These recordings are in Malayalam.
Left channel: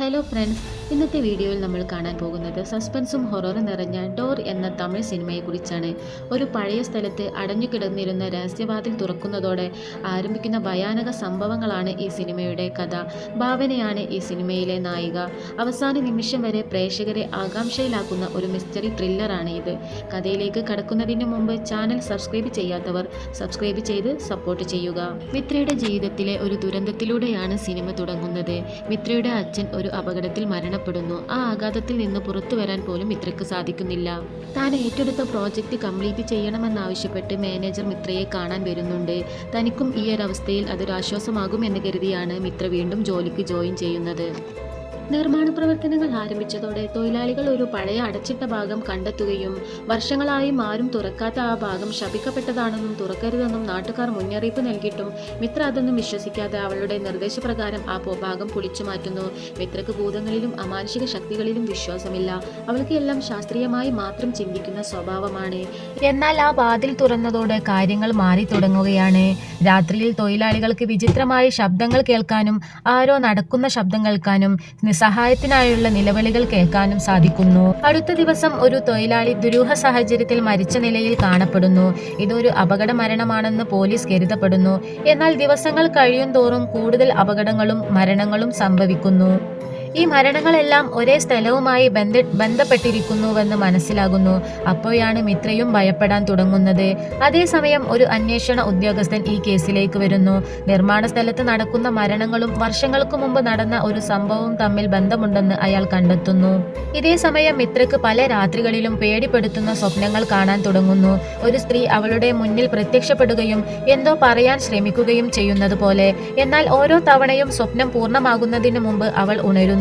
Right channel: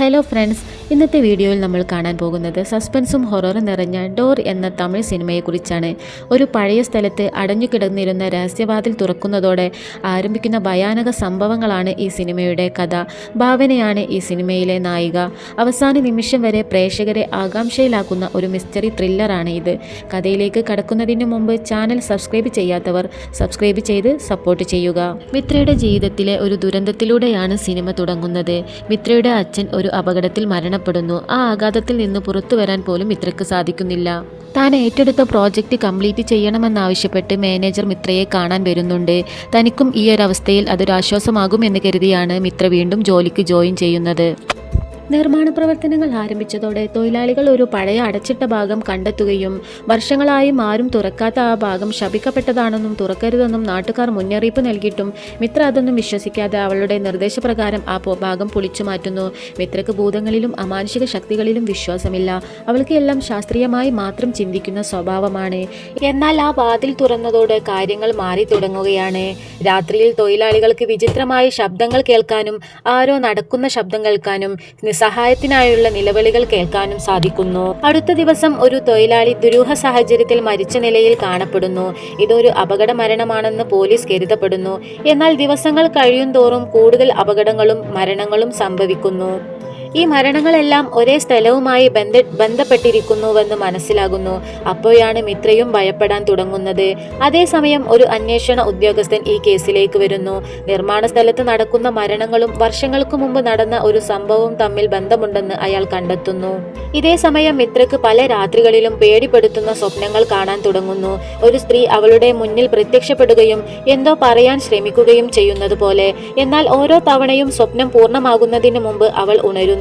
ഹലോ ഫ്രണ്ട്സ്, ഇന്നത്തെ വീഡിയോയിൽ നമ്മൾ കാണാൻ പോകുന്നത് സസ്പെൻസും ഹൊററും നിറഞ്ഞ ഡോർ എന്ന തമിഴ് സിനിമയെക്കുറിച്ചാണ്. ഒരു പഴയ സ്ഥലത്ത് അടഞ്ഞുകിടന്നിരുന്ന രഹസ്യവാതിൽ തുറക്കുന്നതോടെ ആരംഭിക്കുന്ന ഭയാനക സംഭവങ്ങളാണ് ഈ സിനിമയുടെ കഥ. ഭാവനയാണ് ഈ സിനിമയിലെ നായിക. അവസാന നിമിഷം വരെ പ്രേക്ഷകരെ ആകാംക്ഷയിലാക്കുന്ന ഒരു മിസ്റ്ററി ത്രില്ലറാണ് ഇത്. കഥയിലേക്ക് കടക്കുന്നതിന് മുമ്പ് ചാനൽ സബ്സ്ക്രൈബ് ചെയ്യാത്തവർ സബ്സ്ക്രൈബ് ചെയ്ത് സപ്പോർട്ട് ചെയ്യുക. മിത്രയുടെ ജീവിതത്തിലെ ഒരു ദുരന്തത്തിലൂടെയാണ് സിനിമ തുടങ്ങുന്നത്. മിത്രയുടെ അച്ഛൻ ഒരു അപകടത്തിൽ മരണപ്പെടുന്നു. ആ ആഘാതത്തിൽ നിന്ന് പുറത്തു വരാൻ പോലും മിത്രയ്ക്ക് സാധിക്കുന്നില്ല. താൻ ഏറ്റെടുത്ത പ്രോജക്റ്റ് കംപ്ലീറ്റ് ചെയ്യണമെന്നാവശ്യപ്പെട്ട് മാനേജർ മിത്രയെ കാണാൻ വരുന്നുണ്ട്. തനിക്കും ഈ ഒരു അവസ്ഥയിൽ അതൊരാശ്വാസമാകുമെന്ന് കരുതിയാണ് മിത്ര വീണ്ടും ജോലിക്ക് ജോയിൻ ചെയ്യുന്നത്. നിർമ്മാണ പ്രവർത്തനങ്ങൾ ആരംഭിച്ചതോടെ തൊഴിലാളികൾ ഒരു പഴയ അടച്ചിട്ട ഭാഗം കണ്ടെത്തുകയും വർഷങ്ങളായും ആരും തുറക്കാത്ത ആ ഭാഗം ശപിക്കപ്പെട്ടതാണെന്നും തുറക്കരുതെന്നും നാട്ടുകാർ മുന്നറിയിപ്പ് നൽകിയിട്ടും മിത്ര അതൊന്നും വിശ്വസിക്കാതെ അവളുടെ നിർദ്ദേശപ്രകാരം ആ ഭാഗം പൊളിച്ചു മാറ്റുന്നു. മിത്രക്ക് ഭൂതങ്ങളിലും അമാനുഷിക ശക്തികളിലും വിശ്വാസമില്ല. അവൾക്ക് എല്ലാം ശാസ്ത്രീയമായി മാത്രം ചിന്തിക്കുന്ന സ്വഭാവമാണ്. എന്നാൽ ആ വാതിൽ തുറന്നതോടെ കാര്യങ്ങൾ മാറി തുടങ്ങുകയാണ്. രാത്രിയിൽ തൊഴിലാളികൾക്ക് വിചിത്രമായ ശബ്ദങ്ങൾ കേൾക്കാനും ആരോ നടക്കുന്ന ശബ്ദം കേൾക്കാനും സഹായത്തിനായുള്ള നിലവിളികൾ കേൾക്കാനും സാധിക്കുന്നു. അടുത്ത ദിവസം ഒരു തൊഴിലാളി ദുരൂഹ സാഹചര്യത്തിൽ മരിച്ച നിലയിൽ കാണപ്പെടുന്നു. ഇതൊരു അപകട മരണമാണെന്ന് പോലീസ് കരുതപ്പെടുന്നു. എന്നാൽ ദിവസങ്ങൾ കഴിയും തോറും കൂടുതൽ അപകടങ്ങളും മരണങ്ങളും സംഭവിക്കുന്നു. ഈ മരണങ്ങളെല്ലാം ഒരേ സ്ഥലവുമായി ബന്ധപ്പെട്ടിരിക്കുന്നുവെന്ന് മനസ്സിലാകുന്നു. അപ്പോഴാണ് മിത്രയും ഭയപ്പെടാൻ തുടങ്ങുന്നത്. അതേസമയം ഒരു അന്വേഷണ ഉദ്യോഗസ്ഥൻ ഈ കേസിലേക്ക് വരുന്നു. നിർമ്മാണ സ്ഥലത്ത് നടക്കുന്ന മരണങ്ങളും വർഷങ്ങൾക്ക് മുമ്പ് നടന്ന ഒരു സംഭവവും തമ്മിൽ ബന്ധമുണ്ടെന്ന് അയാൾ കണ്ടെത്തുന്നു. ഇതേ സമയം മിത്രക്ക് പല രാത്രികളിലും പേടിപ്പെടുത്തുന്ന സ്വപ്നങ്ങൾ കാണാൻ തുടങ്ങുന്നു. ഒരു സ്ത്രീ അവളുടെ മുന്നിൽ പ്രത്യക്ഷപ്പെടുകയും എന്തോ പറയാൻ ശ്രമിക്കുകയും ചെയ്യുന്നത് പോലെ. എന്നാൽ ഓരോ തവണയും സ്വപ്നം പൂർണ്ണമാകുന്നതിന് മുമ്പ് അവൾ ഉണരുന്നു.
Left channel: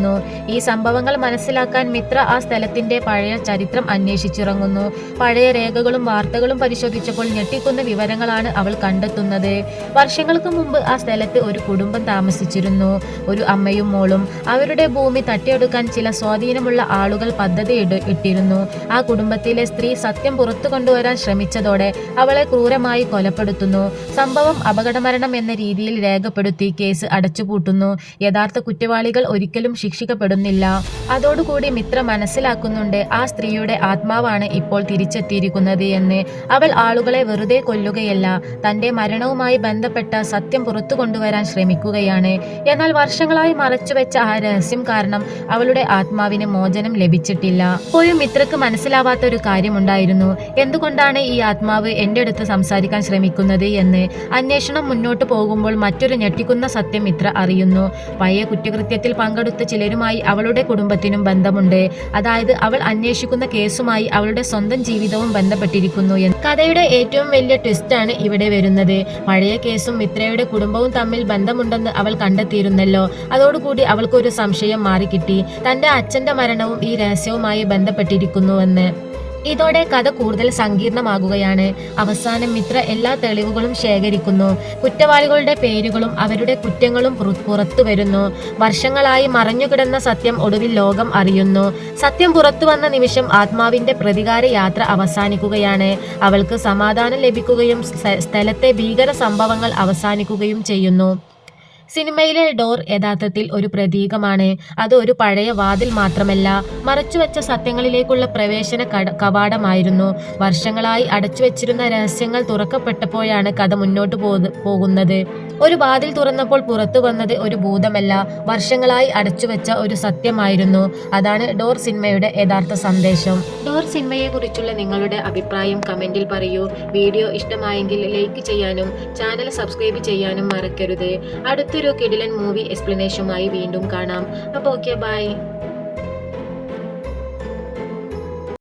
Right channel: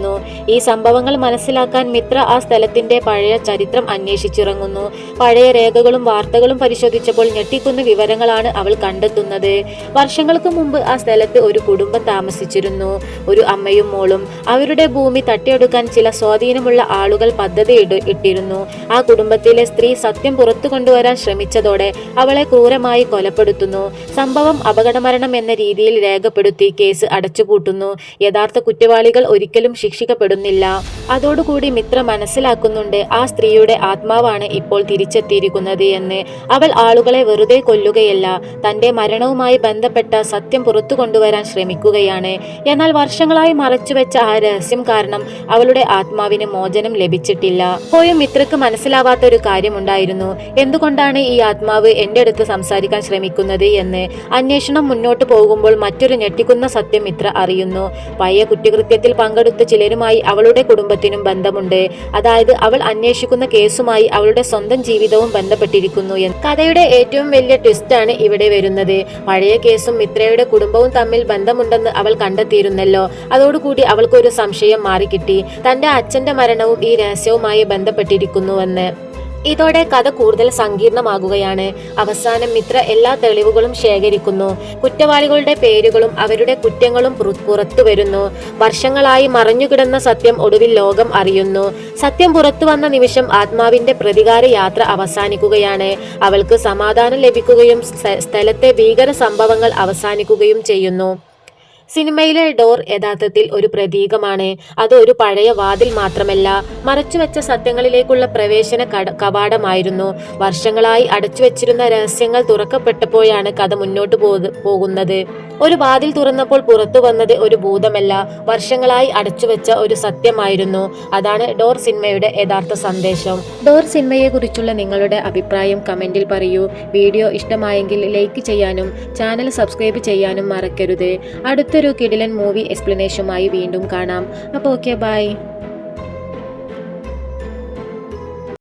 ഈ സംഭവങ്ങൾ മനസ്സിലാക്കാൻ മിത്ര ആ സ്ഥലത്തിന്റെ പഴയ ചരിത്രം അന്വേഷിച്ചിറങ്ങുന്നു. പഴയ രേഖകളും വാർത്തകളും പരിശോധിച്ചപ്പോൾ ഞെട്ടിക്കുന്ന വിവരങ്ങളാണ് അവൾ കണ്ടെത്തുന്നത്. വർഷങ്ങൾക്ക് മുമ്പ് ആ സ്ഥലത്ത് ഒരു കുടുംബം താമസിച്ചിരുന്നു. ഒരു അമ്മയും മോളും. അവരുടെ ഭൂമി തട്ടിയെടുക്കാൻ ചില സ്വാധീനമുള്ള ആളുകൾ പദ്ധതി ഇട്ടിരുന്നു. ആ കുടുംബത്തിലെ സ്ത്രീ സത്യം പുറത്തു കൊണ്ടുവരാൻ ശ്രമിച്ചതോടെ അവളെ ക്രൂരമായി കൊലപ്പെടുത്തുന്നു. സംഭവം അപകടമരണം എന്ന രീതിയിൽ രേഖപ്പെടുത്തി കേസ് അടച്ചുപൂട്ടുന്നു. യഥാർത്ഥ കുറ്റവാളികൾ ഒരിക്കലും ശിക്ഷിക്കപ്പെടുന്നില്ല. അതോടുകൂടി മിത്ര മനസ്സിലാക്കുന്നുണ്ട് ആ സ്ത്രീയുടെ ആത്മാവാണ് ഇപ്പോൾ തിരിച്ചെത്തിയിരിക്കുന്നത് എന്ന്. അവൾ ആളുകളെ വെറുതെ കൊല്ലുകയല്ല, തന്റെ മരണവുമായി ബന്ധപ്പെട്ട സത്യം പുറത്തു കൊണ്ടുവരാൻ ശ്രമിക്കുകയാണ്. എന്നാൽ വർഷങ്ങളായി മറച്ചുവെച്ച ആ രഹസ്യം കാരണം അവളുടെ ആത്മാവിന് മോചനം ലഭിച്ചിട്ടില്ല. പോയും മിത്രക്ക് മനസ്സിലാവാത്ത ഒരു കാര്യമുണ്ടായിരുന്നു. എന്തുകൊണ്ടാണ് ഈ ആത്മാവ് എന്റെ അടുത്ത് സംസാരിക്കാൻ ശ്രമിക്കുന്നത് എന്ന്. അന്വേഷണം മുന്നോട്ട് പോകുമ്പോൾ മറ്റൊരു ഞെട്ടിക്കുന്ന സത്യം മിത്ര അറിയുന്നു. പഴയ കുറ്റകൃത്യത്തിൽ പങ്കെടുത്ത ചിലരുമായി അവളുടെ കുടുംബത്തിനും ബന്ധമുണ്ട്. അതായത് അവൾ അന്വേഷിക്കുന്ന കേസുമായി അവളുടെ സ്വന്തം ജീവിതവും ബന്ധപ്പെട്ടിരിക്കുന്നു എന്ന്. കഥയുടെ ഏറ്റവും വലിയ ട്വിസ്റ്റാണ് ഇവിടെ വരുന്നത്. പഴയ കേസും മിത്രയുടെ കുടുംബവും തമ്മിൽ ബന്ധമുണ്ടെന്ന് അവൾ കണ്ടെത്തിയിരുന്നല്ലോ. അതോടുകൂടി അവൾക്കൊരു സംശയം മാറിക്കിട്ടി. തന്റെ അച്ഛന്റെ മരണവും ഈ രഹസ്യവുമായി ബന്ധപ്പെട്ടിരിക്കുന്നുവെന്ന്. ഇതോടെ കഥ കൂടുതൽ സങ്കീർണമാകുകയാണ്. അവസാനം മിത്ര എല്ലാ തെളിവുകളും ശേഖരിക്കുന്നു. കുറ്റവാളികളുടെ പേരുകളും അവരുടെ കുറ്റങ്ങളും പുറത്തു വരുന്നു. വർഷങ്ങളായി മറഞ്ഞുകിടന്ന സത്യം ഒടുവിൽ ലോകം അറിയുന്നു. സത്യം പുറത്തു വന്ന നിമിഷം ആത്മാവിന്റെ പ്രതികാര യാത്ര അവസാനിക്കുകയാണ്. അവൾക്ക് സമാധാനം ലഭിക്കുകയും സ്ഥലത്തെ ഭീകര സംഭവങ്ങൾ അവസാനിക്കുകയും ചെയ്യുന്നു. സിനിമയിലെ ഡോർ യഥാർത്ഥത്തിൽ ഒരു പ്രതീകമാണ്. അത് ഒരു പഴയ വാതിൽ മാത്രമല്ല, മറച്ചുവെച്ച സത്യങ്ങളിലേക്കുള്ള പ്രവേശന കവാടമായിരുന്നു. വർഷങ്ങളായി അടച്ചുവെച്ചിരുന്ന രഹസ്യങ്ങൾ തുറക്കപ്പെട്ടപ്പോഴാണ് കഥ മുന്നോട്ട് പോകുന്നത്. ഒരു വാതിൽ തുറന്നപ്പോൾ പുറത്തു വന്നത് ഒരു ഭൂതമല്ല, വർഷങ്ങളായി അടച്ചുവെച്ച ഒരു സത്യമായിരുന്നു. അതാണ് ഡോർ സിനിമയുടെ യഥാർത്ഥ സന്ദേശം. ഡോർ സിനിമയെക്കുറിച്ചുള്ള നിങ്ങളുടെ അഭിപ്രായം കമന്റിൽ പറയൂ. വീഡിയോ ഇഷ്ടമായെങ്കിൽ ലൈക്ക് ചെയ്യാനും ചാനൽ സബ്സ്ക്രൈബ് ചെയ്യാനും മറക്കരുത്. അടുത്തൊരു കിടിലൻ മൂവി എക്സ്പ്ലനേഷനുമായി വീണ്ടും കാണാം. അപ്പോൾ ഓക്കെ, ബൈ.